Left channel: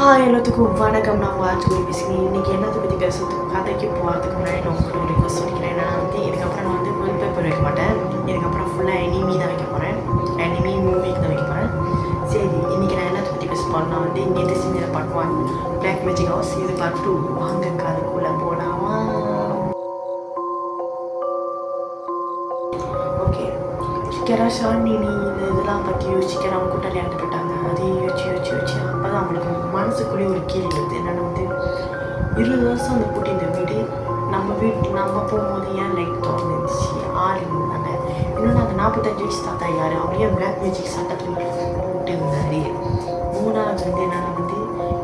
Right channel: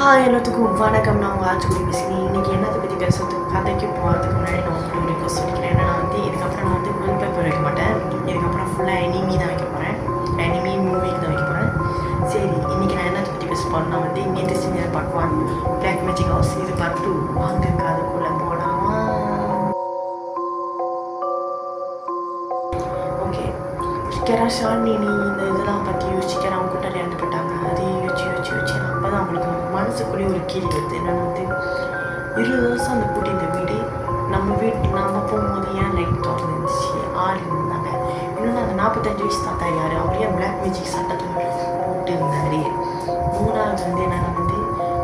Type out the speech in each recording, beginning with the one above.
எல்லாத்துக்கும் வணக்கம். நான் உங்கள் ஆச்சுக்குடி பேசுகிறேன். இன்றைக்கி என்னத்தை பற்றி பேசுறதுக்கு கதைக்கு போகிறதுக்கு முன்னாடி நான் உங்களுக்கு ஒரு ரிக்வஸ்ட் சொல்லிக்கிறேன். என்னென்னா இதுக்கப்புறம் நான் ஃபுல் பேப்பர் வைக்க மாட்டேன். இதுக்கப்புறம் ஃபுல்லாக எனிமி தான் வைக்க போகிறேன். எனிமி மூவிக்கு தான் வைக்க போகிறேன். சரி, இன்றைக்கி நான் என்னத்தை பற்றி பேச போகிறேன்னா நேற்று செஞ்ச பார்ட் 1 பிளாக் மேஜிக் ஹவுஸ். இது பார்ட் 2 வாங்க கதைக்குள்ளே போகலாமா? ஓகே, ஷாலினி இந்த இதெல்லாம் பற்றி யோசிக்கிறேன். அவங்க கூட்டாளி இறந்து போயிட்டாங்க. அதையும் யோசிச்சு அப்போ தான் அவங்களுக்கு மனசுக்குள்ளேயே ஒரு கேள்வி வருது. என்னென்னா 20 வருஷம் அந்த கூட்டி இந்த வீடு நம்ம போகும்போது ஏன் லைட் திறந்து இருந்துச்சு, ஆள் இருந்தாங்க. இன்னொன்று அந்த 45 வயசு தாத்தா யார், அவரையே பிளாக் மேஜிக் சட்டத்தில் போட்டு இருந்தார். மூணாவது என்னென்னா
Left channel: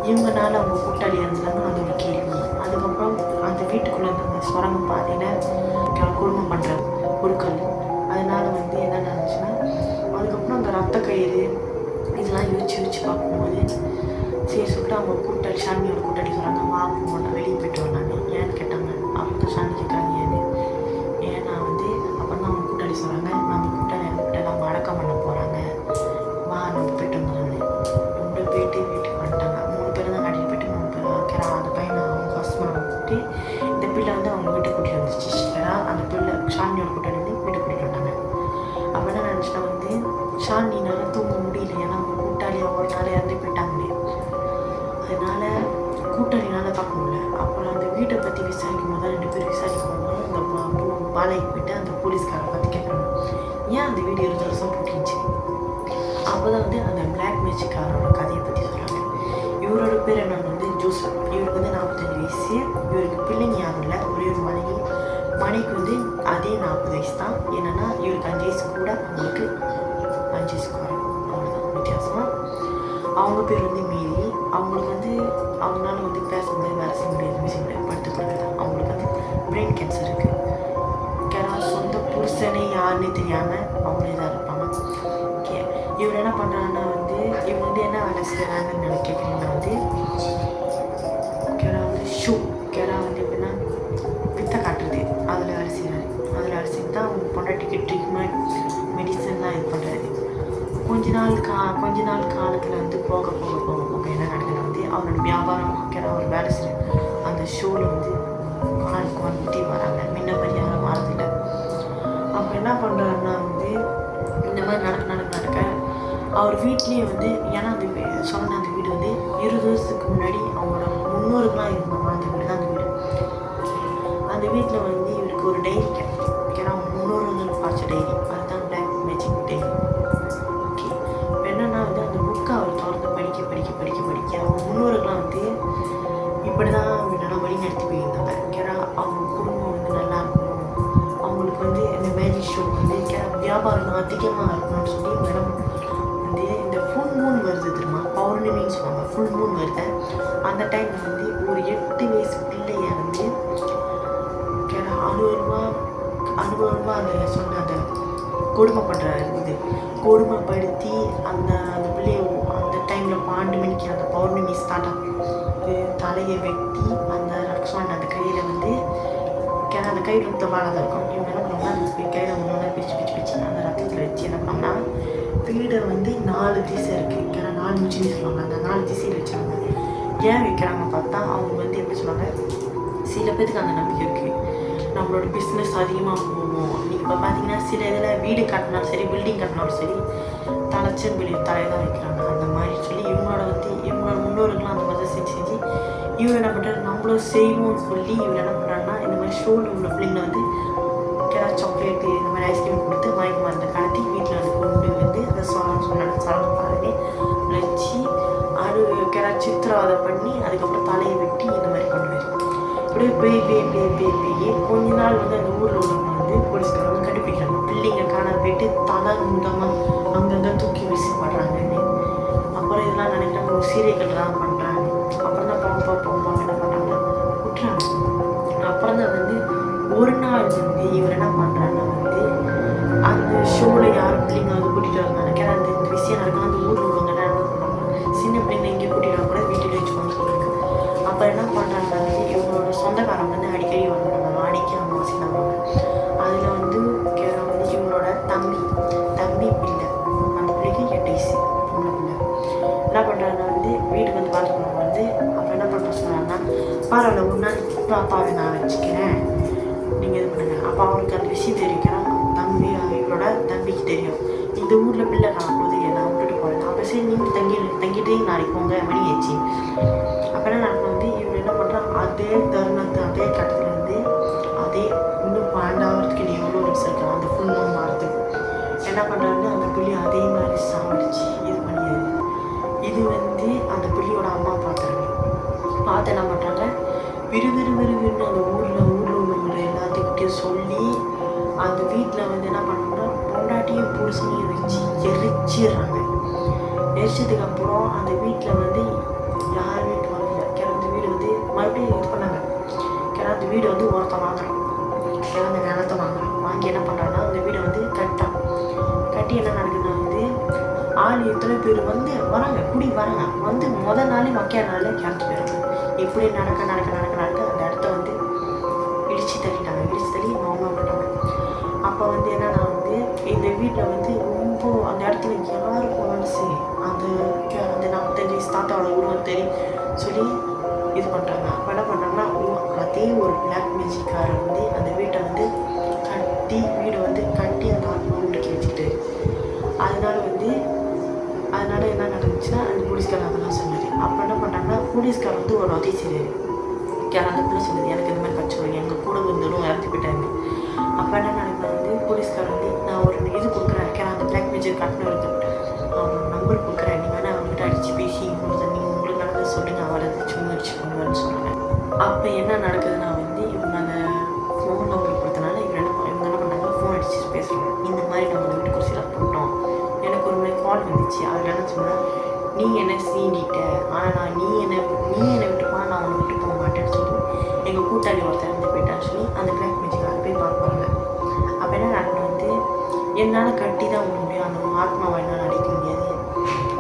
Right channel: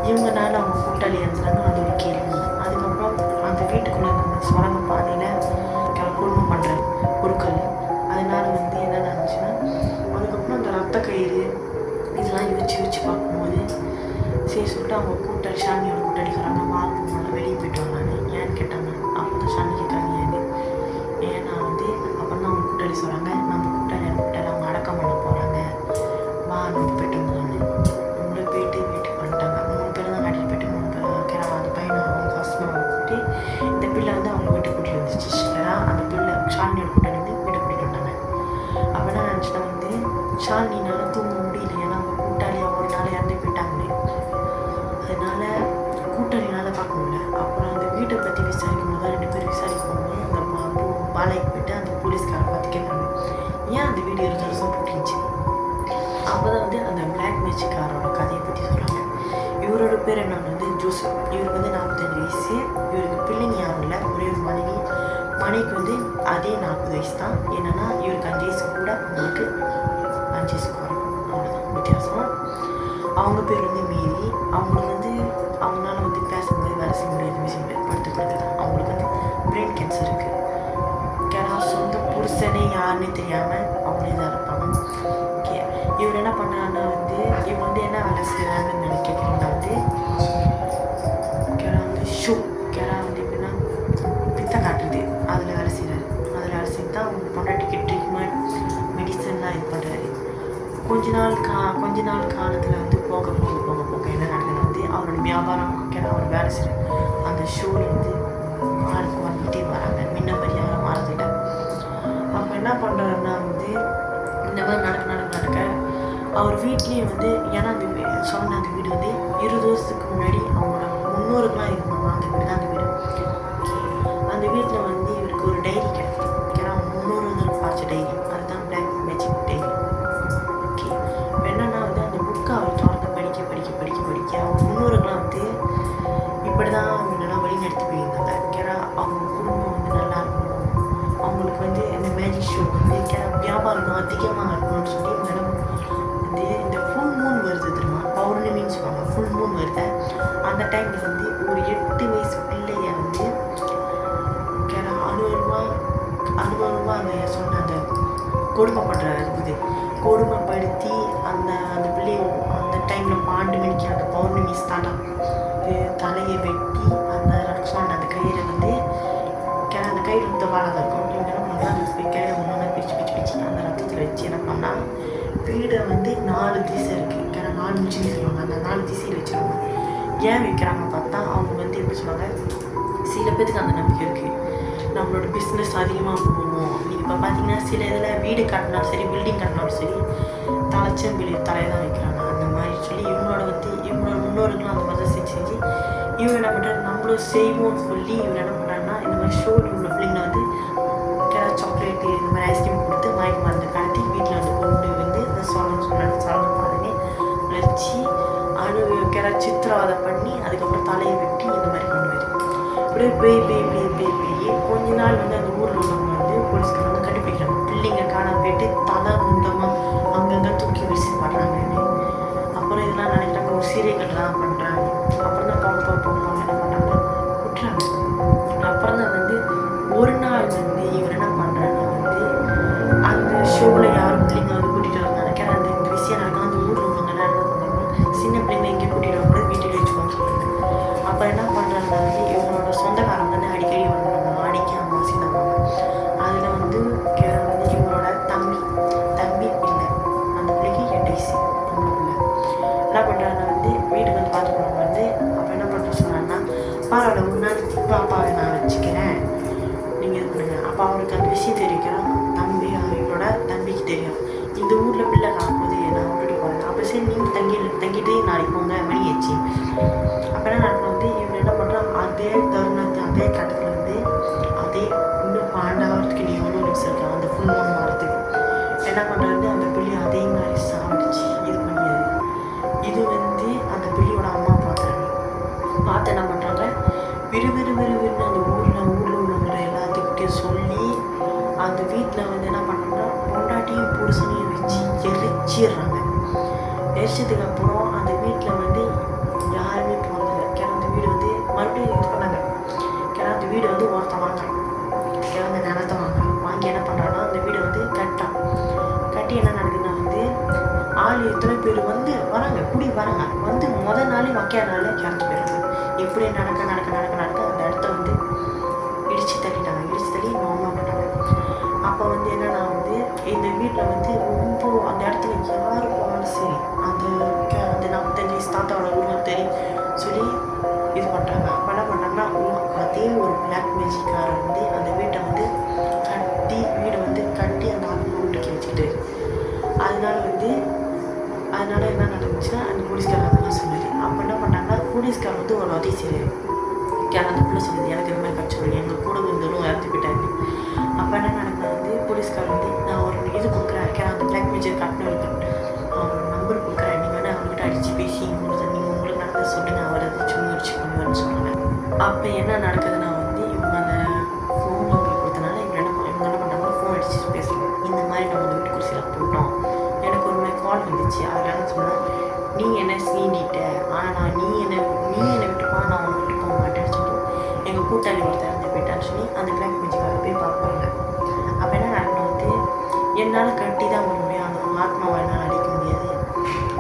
இவங்கனால அவங்க கூட்டாளி இருந்தாங்க. அது ஒரு கேள்வி. அதுக்கப்புறம் அந்த வீட்டுக்குள்ளே இருந்த சுரங்க பாதையில் குடும்பம் பண்ணுற பொருட்கள், அதனால் என்ன நினச்சுன்னா அதுக்கப்புறம் அந்த ரத்த கயிறு இதெல்லாம் யோசிச்சு பார்க்கும்போது சரி சொல்லிட்டு அவங்க கூட்டாளி ஷாலினியோட கூட்டாளி சொல்கிறாங்க, வா போகலாம் வெளியே போய்ட்டு வரலான்னு. ஏன்னு கேட்டாங்க. அப்போ தான் ஷாலினி கேட்குறாங்க ஏன்னா அப்புறம் தான் அவங்க கூட்டாளி சொல்கிறாங்க, நம்ம கூட்டாளி கூட்டாளி அவங்க அடக்கம் பண்ண போகிறாங்க, வா நம்ம போய்ட்டு வந்தோம்னு. நம்மள போயிட்டு வீட்டுக்கு வந்துட்டாங்க. 3 பேர் தான் காட்டிட்டு போயிட்டு 3 பேர் கேரா அந்த பையனை அவங்க ஹஸ்பண்டை கூப்பிட்டு இந்த பிள்ளை அவங்க வீட்டுக்கு கூட்டிகிட்டு வந்துச்சு. கேரா அந்த பிள்ளை ஷாலினியோட கூட்டாளி வீட்டுக்கு கூட்டிகிட்டு வந்தாங்க. அப்போ என்ன நினச்சினா ஷாலினினால தூங்க முடியல. ஏன்னா அவங்க கூட்டாளி ஒரு நாள் இறந்து போயிட்டாங்களே, அதனால் கூட்டாளினால் பார்க்க முடியல. அப்புறம் அந்த வீட்டை பற்றி விசாரிக்கும் போது 2 பேர் விசாரிக்கும் போது அந்த பாலைக்கு போய்ட்டு அந்த போலீஸ்காரை பார்த்து கேட்குறாங்க, ஏன் அந்த வீடு 20 வருஷம் போட்டுருந்துச்சு. அப்போ தான் அந்த பிளாக் மேஜிக்காரோட கதையை பற்றி சொல்கிறாங்க. இவரோட பேர் என்னன்னு ஜோசப். இவருக்கு 45 வயசு. இவருக்கு பிள்ளைங்க யாரும் இல்லை, ஒரே ஒரு மனைவிக்கு அதே 40 வயசு தான். என்னென்னா இவருக்கு 5 வயசு கூட, அவங்களுக்கு 5 வயசு குறையும், அவ்வளோதான் வித்தியாசம். அவங்க பேர் மேரி. அவங்களுக்கு அவங்களால பேச முடியாது, வேலை செய்ய முடியாது, எதுவுமே செய்ய முடியாது, படுத்து படுக்கதான். அவங்களுக்கு பிரெயின் கேன்சர் இருக்குது. சொந்த புருஷனே யாருன்னு தெரியாமல் அவங்களே தான் இருப்பாங்க. ஓகே, இவர் என்ன பண்ணுறாங்கன்னா இவர் என்ன வேலை செய்கிறாங்கன்னு கேட்குறீங்கன்னா ஷூ எப்படின்னா வித்தை காட்டுறது, அதில் வேலை செய்கிறாரு. அதில் வேலை செய்து தான் அவங்க பொண்டாட்டிக்கு ட்ரீட்மெண்ட் மெடிசன்லாம் இது பண்ணுறாரு. கொஞ்ச நாள் காலத்தில் போக என்ன நடக்குதுன்னா அவரோட வியாபாரம் அவர் வேலை செய்கிற அந்த ஷோவில் ஆளுக்கு வந்துகிட்டே வராங்க. முன்ன மாதிரி யாரும் மாறதில்லை. அப்போ என்ன பண்ணுறாருன்னா இந்த மாதிரி நடக்க அவர் வீட்லேயே ஏன்னா சொன்ன அந்த வீடு 20 வருஷத்துக்கு முன்னாடி அவங்களோட முன்னோருக்கெலாம் இருந்தவங்க அந்த வீடு தான் அந்த வீடு. அந்த வீட்டில் இவருக்கு ஒரு டைரி கிடைக்கும். ஏன்னா அவங்க முன்னோர்கள் பார்த்த டைரி, அதுதான் பிளாக் மேஜிக் டைரி. ஓகே, இப்போ என்னென்னா அந்த புக்கை அவர் திறந்து படிக்க அவங்க முன்னோர்கள்லாம் இப்படி தான் முன்னெல்லாம் வழி நடத்தி போயிருந்தாங்க. ஏன்னா அவங்க குடும்பம் நல்லா இருக்கணும், அவங்களுக்கு இந்த மேஜிக் ஷோ வியாபாரம் அதிகமாக இருக்கணும்னு சொல்லி இவங்க இந்த ஃபுல் மூன் வருது தெரியுமா, பௌர்ணமின்னு சொல்லுவாங்க. ஃபுல் மூன் வருது. அந்த டைமில் ஒரு 8 வயசு பிள்ளைய 60 ரூபா அந்த சொன்ன அந்த கொடுமைப்படுற கொடுமைப்படுத்தி அந்த பிள்ளைய அந்த டைமில் 12 மணிக்கு அந்த பௌர்ணமி ஸ்டார்ட் ஆகும். தலையை வெட்டி அந்த ரக்ஷான் அந்த கயிறை அந்த கயிறு வாழாத இருக்கும். இவங்க என்ன பண்ணோம்னா அந்த கயிறை ஒன்று பிரித்து அந்த ரத்தத்தில் வச்சு என்ன பண்ணோம்னா வீடை 4 திசை இருக்குது. ஏன்னா 4 முச்சின்னு சொல்லுவாங்க. அந்த 4 திசையில் வச்சுருவாங்க. ஏன் வைக்கிறாங்க பார்த்தா அவங்க எப்படி சொல்லுவாங்க, சில பேருக்கு அந்த நம்பிக்கை இருக்குது, நம்மளோட பிஸ்னஸ் அதிகமாக போகும். நீங்கள் இப்போ பார்த்தீங்கன்னா சில இதில் வீடு கட்டினாலும் சரி, பில்டிங் கட்டினாலும் சரி, தலைச்சம்பிள்ளி தலையை தான் வைக்கிறாங்க. அந்த மாதிரி சொல்லி இவங்களோட முன்னோர்களும் அந்த மாதிரி தான் செஞ்சு இவர் என்ன பண்ணுறாரு, நம்மளும் செய்வோம்னு சொல்லி இவர் என்ன பண்ணுறாருன்னா இந்த மாதிரி ஷோவில் உள்ள பிள்ளைங்களை சாக்லேட்டு இந்த மாதிரி ஐஸ்கிரீம் கொடுத்து மயக்க மருந்து கடத்தி வீட்டில் கொண்டு இந்த சொரங்க பாதையை வச்சு சித்திரவதை பண்ணி அதுக்கப்புறம் தலையை வெட்டி இந்த மாதிரி பண்ணுவார். இப்படியே பேய் கொஞ்ச நாள் அந்த ஊரில் உள்ளவங்க போலீஸ்காரங்க கண்டுபிடிக்கிறாங்க. பிள்ளைங்க காணாம போயிட்டு தலை முண்டமாக அங்கங்கே தூக்கி வீசி படுறாங்கன்னு. அப்புறம் இதெல்லாம் நினைக்கிறாங்க ஒரு சீரியல் தான் பண்ணுறாங்க. அப்புறம் தான் போங்க என்ன பண்ணுறாங்கன்னா விட்டுறாங்க. அப்புறம் தான் ஒரு நாள் இவர் என்ன பண்ணுறாங்கன்னா அந்த ஷோவில் யாரும் பிள்ளைங்க கூட்டிகிட்டு வந்தாங்க. இந்த விஷயம் நடக்கலாம். அந்த ஊரில் உள்ளவங்க எல்லாம் என்ன பண்ணுறாங்கன்னா சின்ன பிள்ளைங்க இங்கே கூட்டிகிட்டு வர கூட வீட்டில் வச்சுக்கோன்னு சொல்லுவாங்க. அப்போ என்ன பண்ணுறாங்கன்னா இவங்களோட சொந்தக்காரங்க அடிக்கடி வந்துடுவாங்க. ஆடிக்கு அமாவாசை தருவாங்க. அதில் கேரா இவரோட தம்பி பிள்ளை, அந்த பிள்ளைக்கு 8 வயசு பொம்பளை பிள்ளை என்ன பண்ணுறாங்கன்னா வீட்டுக்கு பார்த்துக்கணும் பரவாயில்ல ஒரு நாள் அப்பாவை நான் வச்சுக்கிறேன், நீங்கள் இது பண்ணுங்க. அப்போ அவனுக்கு அந்த விஷயம் தெரிவிக்கிறான். தம்பி இவரோட தம்பிக்கு தெரியும் இந்த ஊரில் பிள்ளை நான் போது நான் விட்டுட்டு போகிறேன். அப்போ சரி நீங்கள் தங்கிட்டு நாளைக்கு போங்க மணி ஆச்சு. அப்போ என்ன நடக்கணும் வந்து இவன் என்ன பண்ணுறான், அதே தருணத்து அதே கட்டத்தில் வந்து அதே இன்னும் 12 நீ எவ்வளோ நிமிஷம் இருக்கான் அந்த ஃபுல் மூணு மாதத்துக்கு என்ன பண்ணுறாரு, அந்த புள்ளி அதே மாதிரி சாப்பிடுச்சு இது பண்ணியது. இது வந்து அந்த புள்ளியோட அம்மா பார்க்குறாங்க. பார்த்து என்ன பண்ணுறாங்க, விறுவிறுன்னு அந்த ஊரில் உள்ளவங்க எல்லாத்துக்கிட்டையும் சொல்லி அந்த வீட்டில் வந்து என்ன பண்ணுறாங்கன்னா பொண்டாட்டியும் புருஷனையும் வச்சு எரிச்சிடுறாங்க. எரிச்சதுக்கப்புறம் அந்த வீட்டில் வந்து யாருமே போகிறதில்ல. கிளந்த வீடு வந்து மறுபடியும் இது பண்ணாங்க. கிளந்த வீடு வந்து ஒருத்தன் வாங்குறான், கிளந்த நிலத்தை வாங்குறான். வாங்கி என்ன பண்ணுறான்னா அந்த வீடை வந்து கட்டி என்ன நடக்குதுன்னா வந்து ஆள் எத்தனை பேர் வந்து வராங்க வராங்க வந்து முதல் நாளே மக்கிய நாளே கிளந்து போயிடுறாங்க. இப்படி நடக்க அந்த இடத்த வந்து இடித்து தள்ளி நார்மலாக விட்டுட்டாங்க. அப்போ வந்து என்னன்னா வந்து இந்த வீட்டில் வந்து ரொம்ப அந்த இடத்துல யார் போனாலும் சரி அந்த 45 வயசு தாத்தாவோட உருவம் சொல்லி இது பண்ணுறாங்க. அப்போ என்ன பண்ணுறாங்கன்னா அதே ஒரு பிளாக் மேஜிக்காரர் வந்து அந்த வீட்டை வந்து வீடை வந்து கட்டி அந்த ஆத்மா முடிக்க வச்சுக்கிட்டாரு. அதனால என்ன நடந்துச்சுன்னா அந்த போலீஸ்காரர் அதெல்லாம் சொன்னார். அப்போ என்ன பண்ணுறாங்கன்னா போலீஸ்காரர் வந்து ஒரு உதவி செய்கிறாரு. அந்த பிள்ளை சொல்லுது எனக்கு இந்த மாதிரி கட்சி வரும் எங்கள் கூட வந்தாலும் இறந்து போயிட்டாங்க. அப்போ என்ன நடக்குது வந்து போலீஸ்காரர் வந்து நான் ஒரு இது கொடுக்குறேன், அந்த பிளாக் மேஜிக் கட்டணும் இருக்கு, அவர் நம்பர் கொடுக்குறேன், நீங்கள் வேணால் அவர்கிட்ட அடித்து பேசி நீங்கள் உங்களுக்கு நடந்தது சொல்லுங்கள், அவர் அதை முயற்சி பண்ணுவார்னு சொன்னாங்க. அப்போ என்ன நடக்குதுன்னா வந்து இவங்க அந்த ஃபோன் நம்பர் கொடுத்தனால இவங்க என்ன பண்ணுறாங்க, ஃபோன் அடிச்சு பேசுகிறாங்க. இந்த மாதிரி நம்ம அந்த வீட்டு குடிசையில் போட்டோம், எனக்கு ஒரு மாதிரி கால் வந்துச்சு, அதில் என்ன சொன்னால் நீ என்ன சீண்டிட்ட, ஆனால் நீ என்னை விட்டுப்பா நான் உன்னை விட்டு போக மாட்டேன்னு சொல்லி எங்கள் கூட்டாளி ஒருத்தர் இருந்து போயிட்டான்னு சொல்லி அந்த பிளாக் மேஜிக்காக போய் பார்ப்பாங்க. அப்போ என்ன நடக்கணும் வந்து என்னால் கட்டி தான் வர முடியும், அந்த ஆத்மாவை என்னால் அடிக்க முடியாது,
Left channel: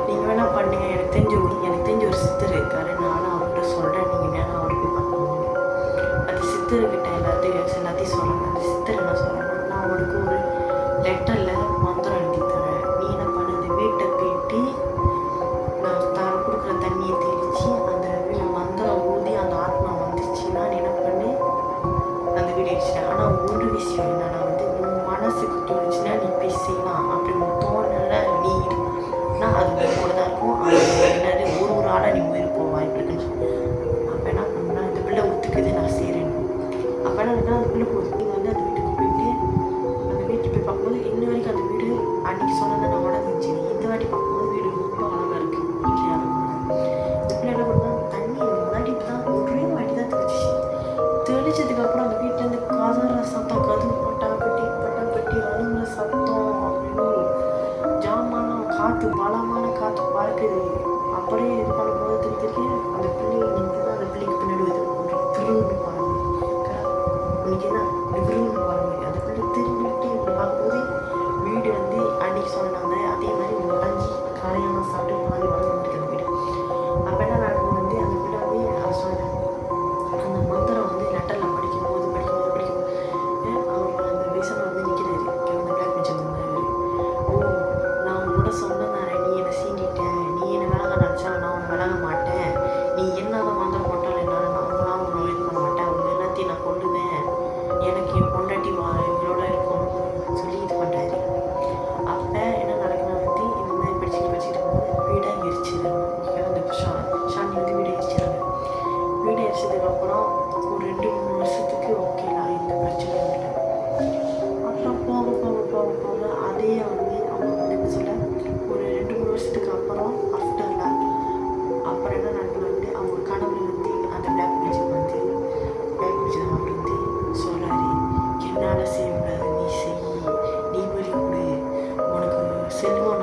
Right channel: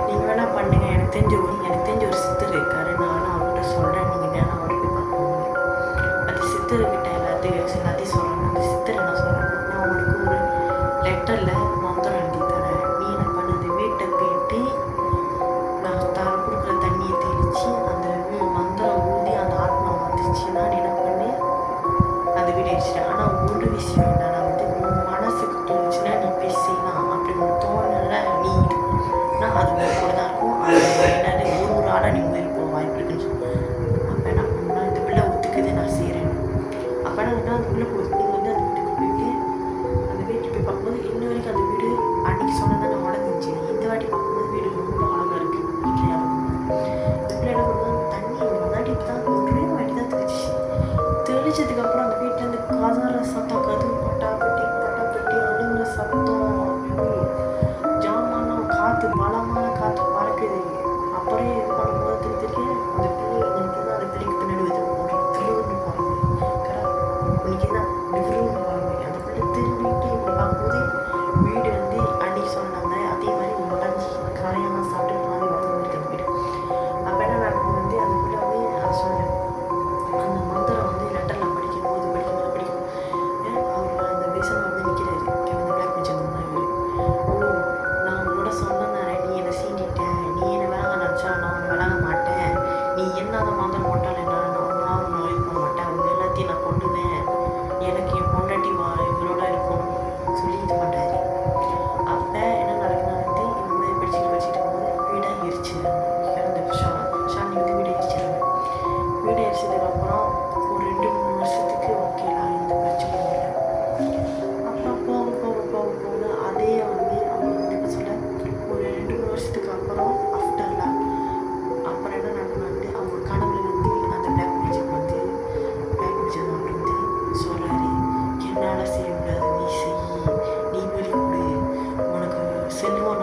நீங்கள் வேணால் பண்ணுங்க, எனக்கு தெரிஞ்ச ஒரு சித்தர் இருக்காரு, நானும் அவர்கிட்ட சொல்கிறேன், நீங்கள் வேணால் அவரை போய் பார்க்கணும். அந்த சித்தர்கிட்ட எல்லாத்தையும் சொல்கிறாங்க. அந்த சித்தர் என்ன சொல்கிறாங்க, நான் உனக்கு ஒரு லெட்டரில் மந்திரம் எழுதி தரேன், நீ என்ன பண்ண அந்த வீட்டை போயிட்டு நான் கொடுக்குற தண்ணியை தெளித்து அந்த மந்திரம் ஊதி அந்த ஆத்மா வந்துச்சுன்னா நீ என்ன பண்ணி அந்த வீடு அடிச்சிட்டேன். ஆனால் ஒரு விஷயம் என்னன்னா வந்து உன் மனசுக்கு தோணுச்சுன்னா நீ போய் செய்யலாம், அப்படி உன் தோணலை நீ இருக்குன்னா அது கூட தான் இருக்கும். அது என்னது ஒரு ஆளாக நீ உயிர் போக வாய்ப்பு இருக்குன்னு சொல்லி அப்போ என்ன பண்ணா இந்த பிள்ளை ஒத்துக்குது நான் செய்கிறேன்னு. அப்போ என்ன இருக்குன்னா அந்த பிள்ளை போகுது. நீங்கள் வந்து அந்த வீட்டுக்கு போயிட்டு அந்த வீட்டுக்கு போய் பார்க்கும்போது இன்ன வரைக்கும் அந்த வீடு அன்றைக்கி சொன்னதான் நான் உடஞ்சிச்சு. இந்த வாட்டி பார்க்கும்போது வீடு ரொம்ப அழகாக இருக்குது. வீட்டில் யாரும் இந்த பிள்ளை என்ன பண்ணால் தண்ணி முன்னாடி தான் ஒரே வாட்டி தான் தெளிச்சதுக்கப்புறம் அந்த வீட்டிலேருந்து கதற சத்தம், கதவு பட்டாப்பட்டி அழுகுற சத்தம், ஐயோ ஜாமான காற்று பலமான காற்று பறக்குது. அப்புறம் இது பண்ணும்போது திருப்பி அந்த பிள்ளை இன்னைக்கு தான் அந்த பிள்ளைக்கு பின்னாடி வந்து ஒரு விருன்னு பாருங்க இன்னைக்கு தான் விருன்னு பாருங்க அந்த பிள்ளை திரும்பிட்டு இப்படி பார்க்கும்போது வீடு வந்து அன்னைக்கு சொன்னாங்க அதே மாதிரி உடஞ்சி கரையெல்லாம் சாப்பிட்டு பாதி வளர்ந்து இருக்கு அந்த வீடு. அப்போ என்ன நடக்குது வந்து அந்த பிள்ளை வந்து அதை சொன்னேன் அந்த மந்திரம் வந்து லெட்டரில் படிக்கும்போது அவர் அந்த விசனை வந்து நிற்கிறாரு. அந்த பிளாக் மேஜிக் தான் இவர். ஓ நான் உங்களோட சொன்னதானே, நீ என்னை சீண்டிட்டேன், நீ என்னை விலக நினச்சா நான் உன்னை விலக மாட்டேன், நீ என்ன அந்த மந்திரம் போட்டாலும் என்னால் நான் உன்னை இது பண்ண மாட்டேன், அவங்க எல்லாத்தையும் நான் கொண்டுவேன், எனக்கு என் பொண்டாட்டி இவரோட இருக்கும் சொல்லி இது பண்ணுறாரு. அப்போ என்ன நடக்குதுன்னா வந்து இந்த மாதிரி படிச்சுட்டு இருக்கும்போது வீடை எரிச்சிடுறாங்க. அந்த ஷாந்தி வந்து வீடை எரிச்சிடுறாங்க. வீடை எரிச்சதுக்கப்புறம் ஒரு 2-3 வருஷத்துக்கு ஓகேலாம் இந்த பிரச்சனையும் இல்லை. அப்புறம் போக அதே வந்து அவங்க வந்து இப்போ சொல்ல ஒரு 2-3 வருஷத்துக்கு அப்புறம் ஆஃப்டர்லாம் அப்புறம் என்ன நடக்கணும் வந்து அவங்க கனவுல வந்து அந்த பிளாக் மேஜிக் அவர் வந்து சொல்கிறாரு, என்னால் செய்ய முடியாது, நீ செய், நீ பலி கொடு, உனக்கு செல்வம்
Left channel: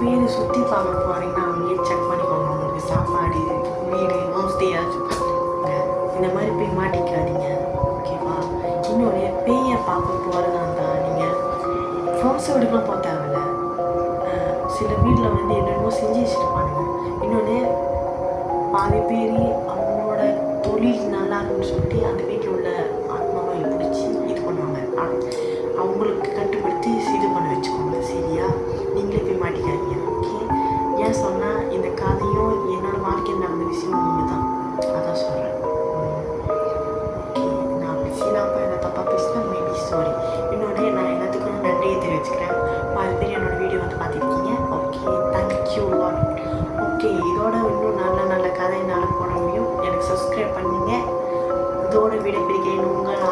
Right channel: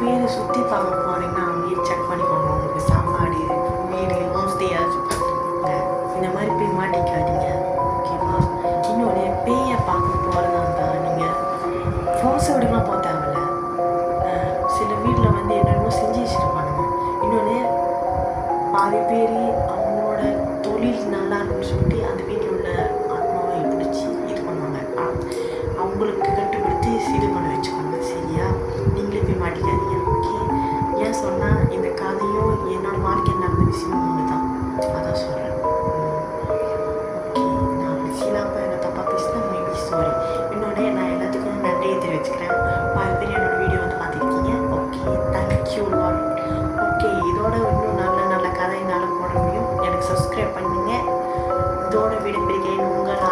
பேர் சுற்றி பார்க்க போகிறீங்கன்னா அங்கேயே செக் பண்ணிக்கோங்க. உங்களுக்கு சாப்பாடு, வீடு, ஹோம் ஸ்டே ஏதாச்சும் பார்த்துக்கோங்க. இந்த மாதிரி போய் மாட்டிக்காதீங்க, ஓகேவா? இன்னொன்று, பேயை பார்க்க போகிறதா இருந்தால் நீங்கள் ஃபால்ஸ் வீடுக்கெலாம் போக தேவையில்ல. சில வீட்டில் வந்து என்னென்னமோ செஞ்சு வச்சுருப்பானுங்க. இன்னொன்று, பாதி பேர் அவங்களோட தொழில் நல்லா இருக்குன்னு சொல்லிட்டு அந்த வீட்டில் உள்ள ஆத்மாவை பிடிச்சி இது பண்ணுவாங்க. அவங்களுக்கு கட்டுப்படுத்தி இது பண்ண வச்சுக்கோங்க, சரியா? நீங்களே போய் மாட்டிக்காதீங்க, ஓகே? ஏன் சொன்னால் இந்த கதையும் என்னோடய வாழ்க்கையில் நடந்த விஷயமும் ஒன்று தான், அதான் சொல்கிறேன். ஓகே, நான் அப்படி சீலாப்பா என்ன தப்பாக பேசினா மேபி சாரி. இன்னொன்று, நான் எல்லாத்துக்கும் நன்றியை தெரிவிச்சுக்கிறேன். பாதி பேர் என்னோடய வீடியோ வந்து பார்த்துருக்கீங்க. Okay, thank you lot. ஓகே, இதோட இன்னும் நல்ல நல்ல கதை என்னால் போட முடியும். எனக்கு சப்ஸ்கிரைப் பண்ணுங்கள். இதோட விடைபெறுகிறேன் உங்கள்